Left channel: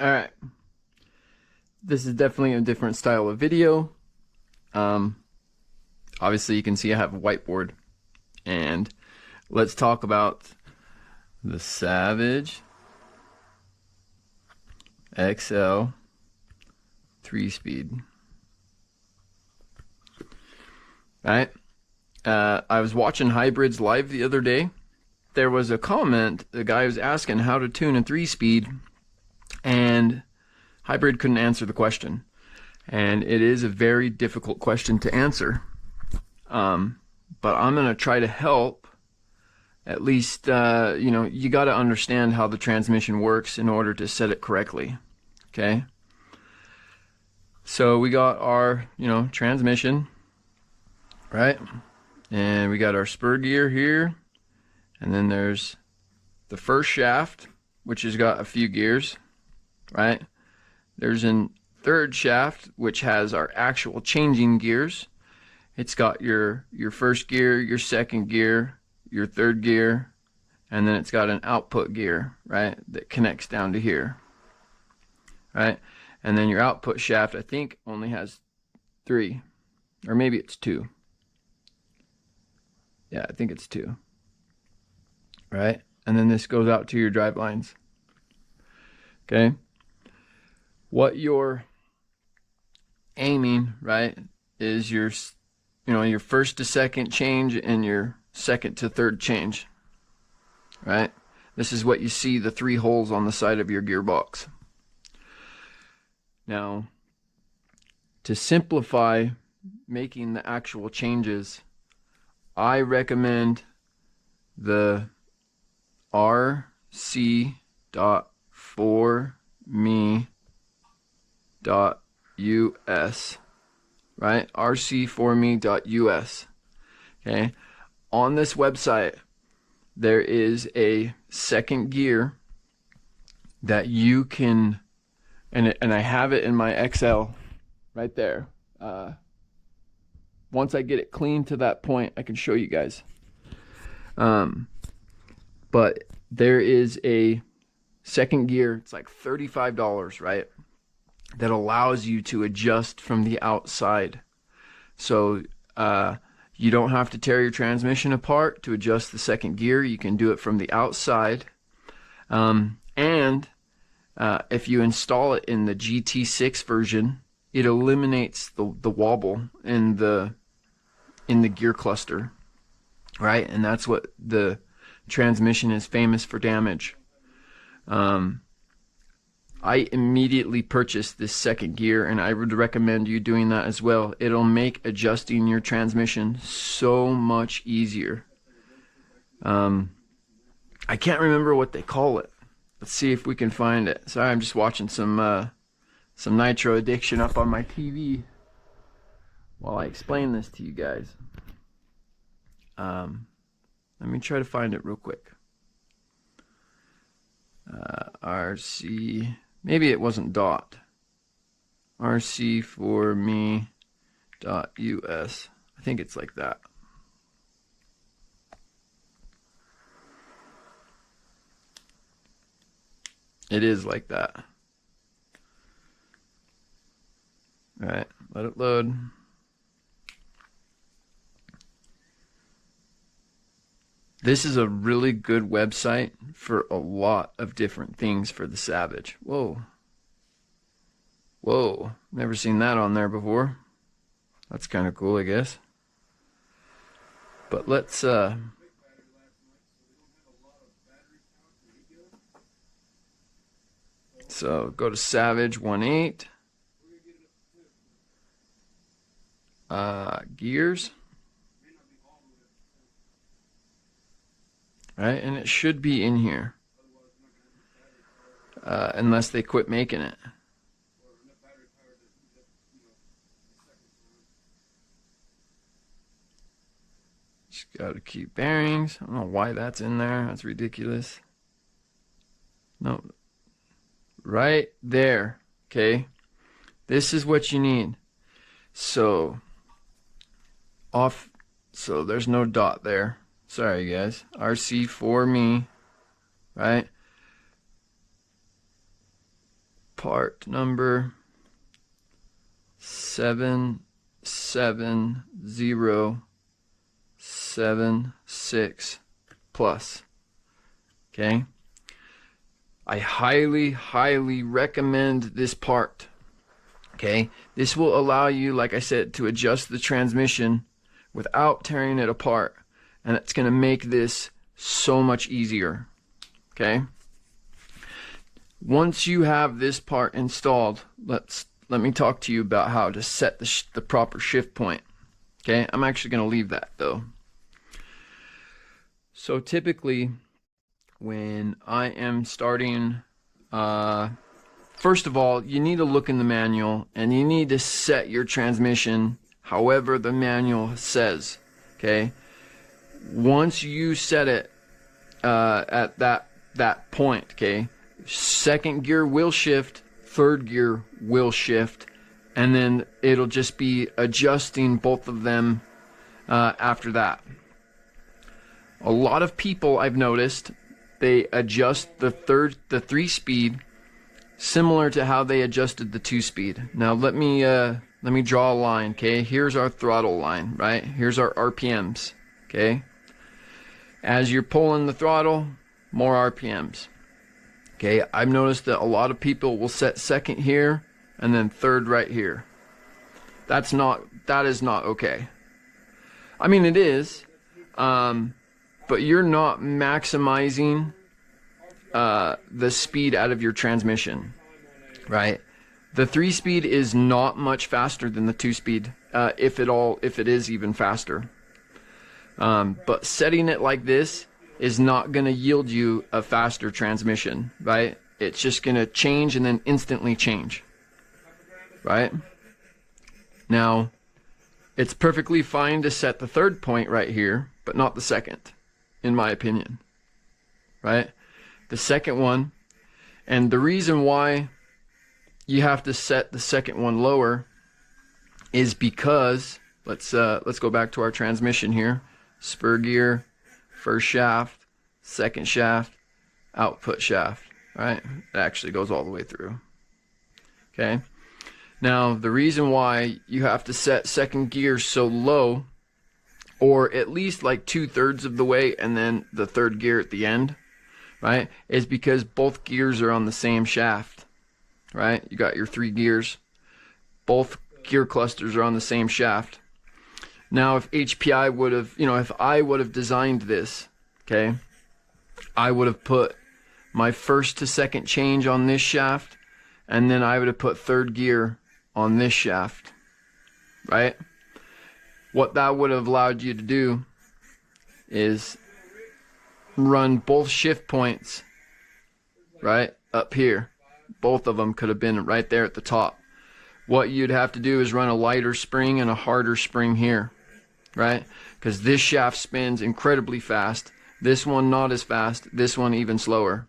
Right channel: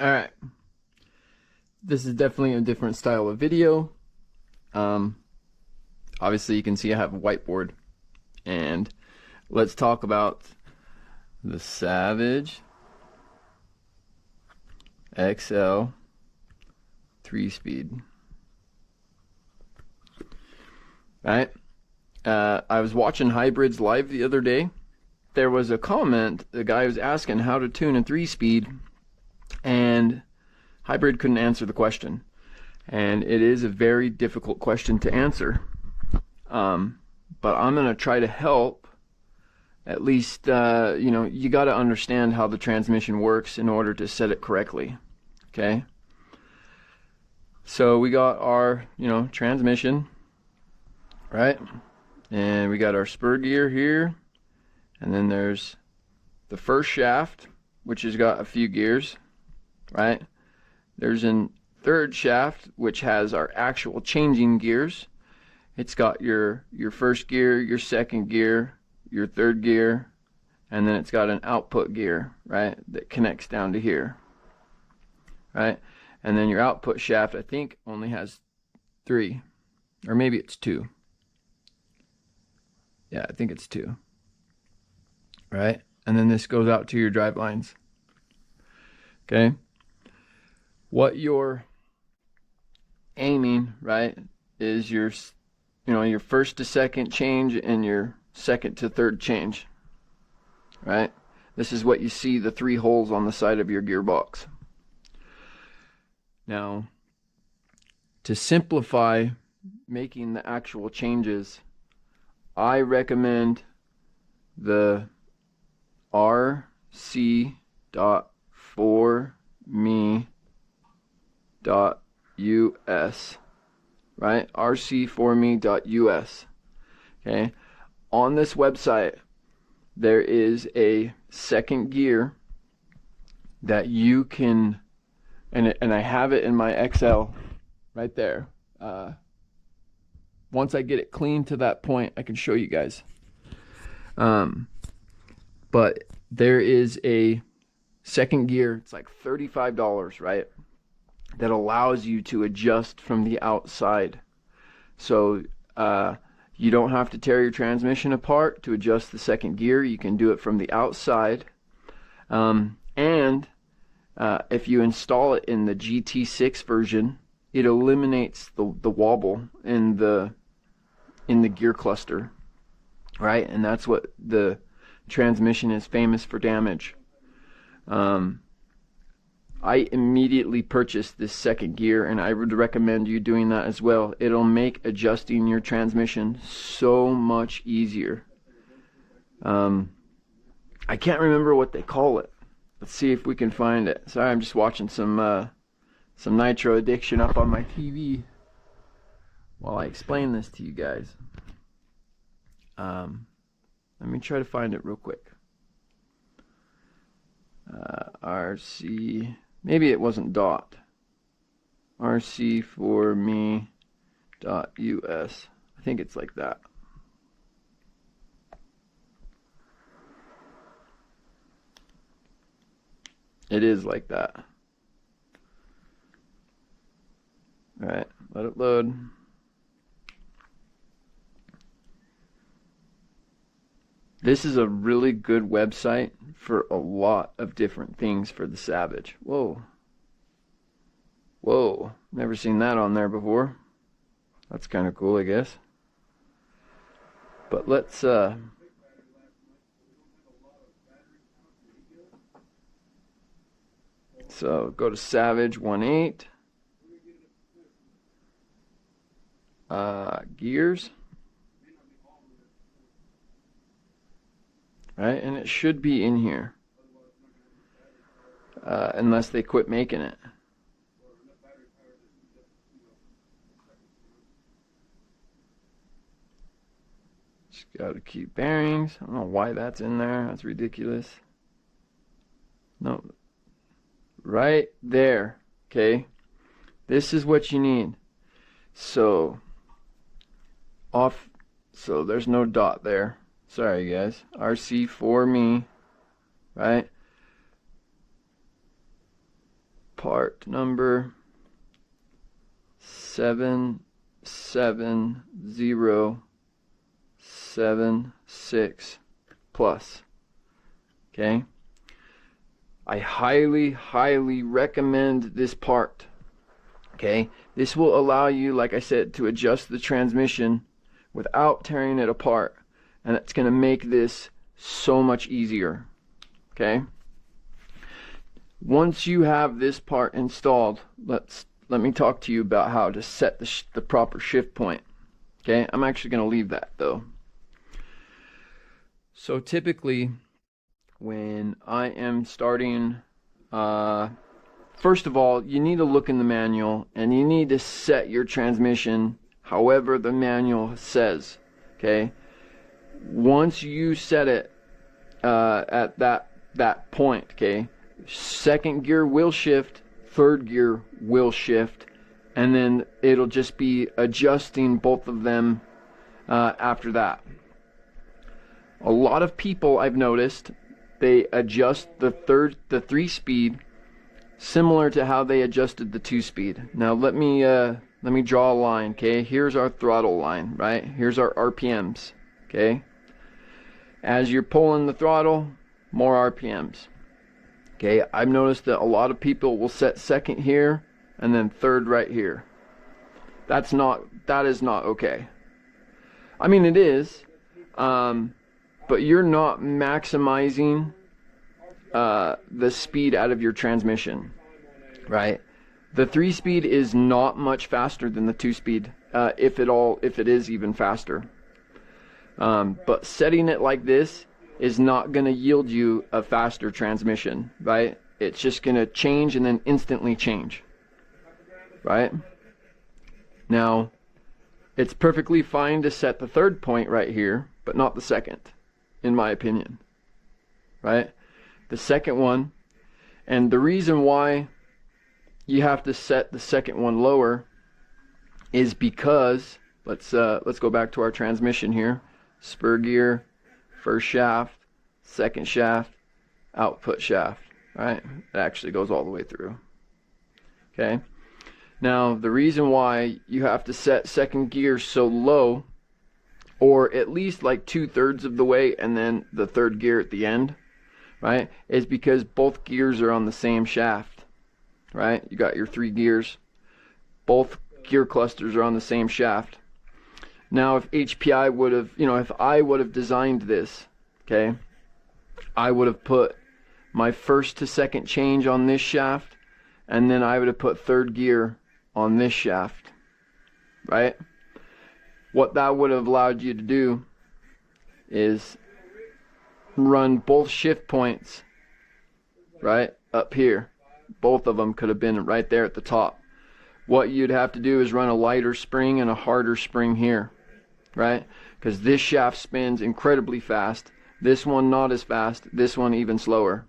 Alright, this is definitely a different style of video. Obviously you can see I have a whiteboard, and let's talk about the Savage XL 3-speed. Right? I was watching hybrids live the other day. There was a comment, the guy was asking how to tune a 3-speed, and hybrid couldn't answer the question. And it is a very difficult question to answer. But I'm going to try to help. At least, you got to understand how the transmission works in order to set it correctly. Okay? So we got our, transmission, right? And we got our spur gear here. And then there's the first shaft, which has got a few gears, right? There's a third shaft, which has our actual changing gears. It's got your first gear, your second gear, your third gear, and then it's got an output gear, right, that connects down to here, right? And then your output shaft, I think, only has 3, or maybe it's 2. Yeah, I think it's 2. Right? And then this goes out to your drive lines. Okay? What you're aiming, right, is your first to second change and your second to third change. Right? This is what you see, the 3 holes on the side of your gearbox. Now, to simplify making the actual changes, I recommend the rc.4me.us, right? rc4me.us. Okay, on this website there is a second gear that you can, and I have it in my XL right there. Once I get it clean to that point, I can show you guys. But there is a second gear, it's like $35, right, that allows you to adjust from the outside. So you don't have to tear your transmission apart to adjust the second gear. You can do it from the outside. And if you install it in the GT6 version, it eliminates the wobble in the gear cluster, right? And that's what the transmission is famous for damage. I immediately purchased this second gear, and I would recommend you doing that as well. It'll make adjusting your transmission so much easier. I can't remember what they call it. Let's see if we can find it. Sorry, I'm just watching some Nitro Addiction up on my TV while I explain this to you guys. Let me try to find it real quick. RC, maybe it wasn't dot. rc4me.us. I think it's like that. It is like that. All right, let it load. This is a really good website for a lot of different things for the Savage. Whoa. Whoa. Never seen that on there before. That's kind of cool, I guess. But let's so go to Savage 1.8. Gears. Right, and it should be in here, unless they quit making it. Just gotta keep bearings. I don't know why that's in there. That's ridiculous. No, right there. Okay, this is what you need. So off. So there's no dot there. Sorry guys, RC4me, right? part number 77076 plus. Okay, I highly recommend this part. Okay, this will allow you, like I said, to adjust the transmission without tearing it apart, and it's going to make this so much easier. Okay, once you have this part installed, let me talk to you about how to set the proper shift point. Okay, I'm actually going to leave that though. So typically when I am starting, first of all, you need to look in the manual and you need to set your transmission however the manual says. Okay, once you set it at that point, okay, second gear will shift, third gear will shift, and then it'll just be adjusting both of them after that. A lot of people, I've noticed, they adjust the 3-speed similar to how they adjusted the 2-speed. Now let me draw a line. Okay, here's our throttle line, right? Here's our RPMs. Okay, as you're pulling the throttle, more RPMs. Okay, I've noticed that a lot of people will set second here and then third right here. That is not okay. I mean, it is, but you're not maximizing the speed out of your transmission, right? The 3-speed is not much faster than the 2-speed, if it is even faster. But setting it like this is not going to yield you a faster transmission, right? It's just going to change and then instantly change, right? Now, it's perfectly fine to set the third point right here, but not the second, in my opinion, right? The second one, and the reason why you have to set the second one lower is because, let's go back to our transmission here. Spur gear, first shaft, second shaft, output shaft, right? It actually goes all the way through. Okay, now the reason why you have to set second gear so low, or at least like 2/3 of the way and then the third gear at the end, right, is because both gears are on the same shaft, right? You got your 3 gears, both gear clusters are on the same shaft. Now if HPI would have, if I would have designed this, okay, I would have put my first to second change on this shaft, and then I would have put third gear on this shaft, right? What that would have allowed you to do is run both shift points right up here. Both of them could have been right there at the top. What you'd have to do is run a lighter spring and a harder spring here, right? Because this shaft spins incredibly fast, this one not as fast, this one even slower,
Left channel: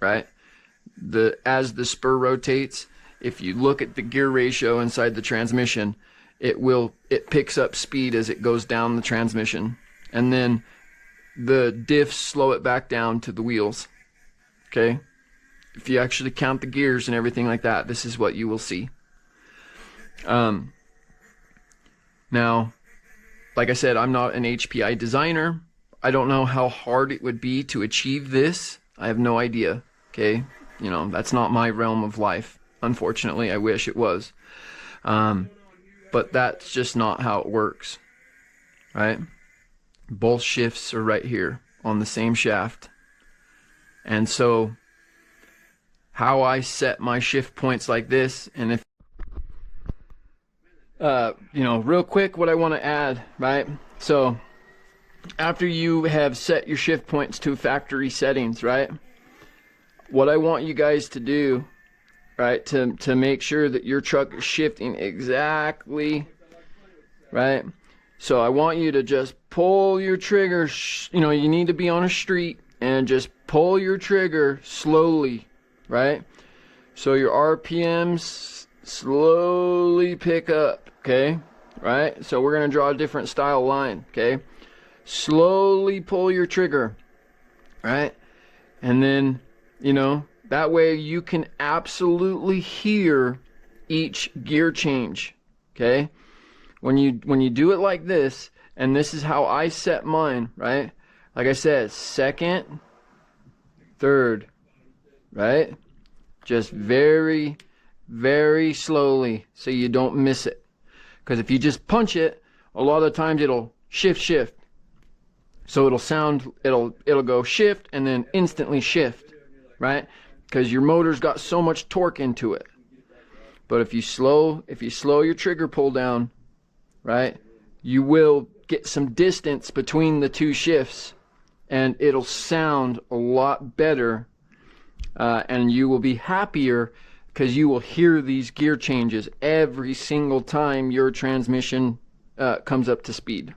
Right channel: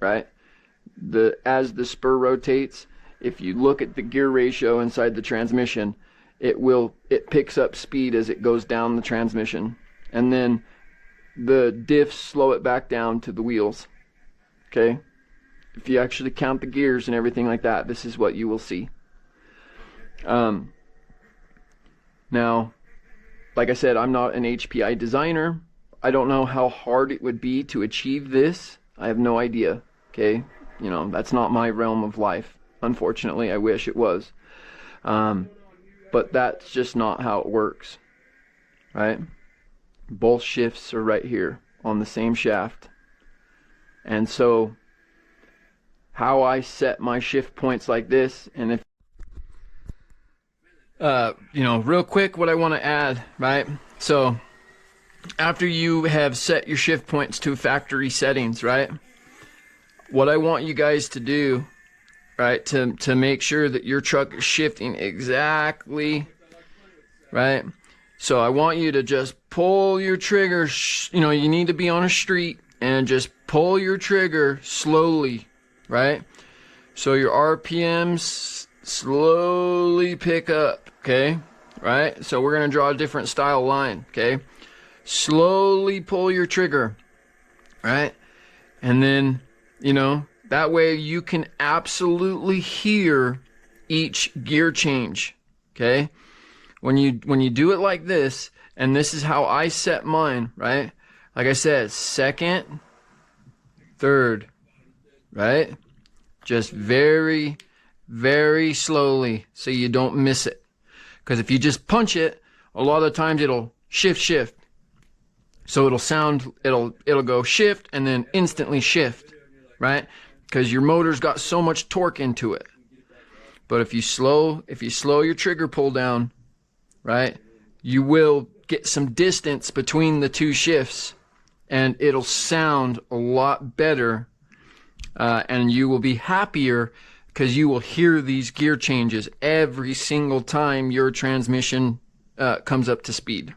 right? As the spur rotates, if you look at the gear ratio inside the transmission, it picks up speed as it goes down the transmission, and then the diffs slow it back down to the wheels. Okay, if you actually count the gears and everything like that, this is what you will see. Now, like I said, I'm not an HPI designer. I don't know how hard it would be to achieve this. I have no idea. Okay, that's not my realm of life. Unfortunately, I wish it was. But that's just not how it works, right? Both shifts are right here on the same shaft. And so how I set my shift points like this, and if real quick, what I want to add, right? So after you have set your shift points to factory settings, right, what I want you guys to do, right, to make sure that your truck is shifting exactly, right, so I want you to just pull your trigger, you need to be on a street and just pull your trigger slowly, right? So your RPMs slowly pick up, okay? Right? So we're going to draw a different style line, okay? Slowly pull your trigger, right? And then, That way you can absolutely hear each gear change. Okay? When you do it like this, and this is how I set mine, right? Like I said, second, third, right? Just very, very slowly so you don't miss it. Because if you just punch it, a lot of the times it'll shift. So it'll go shift and then instantly shift, right? Because your motor's got so much torque into it. But if you slow your trigger pull down, right, you will get some distance between the two shifts, and it'll sound a lot better, and you will be happier because you will hear these gear changes every single time your transmission comes up to speed.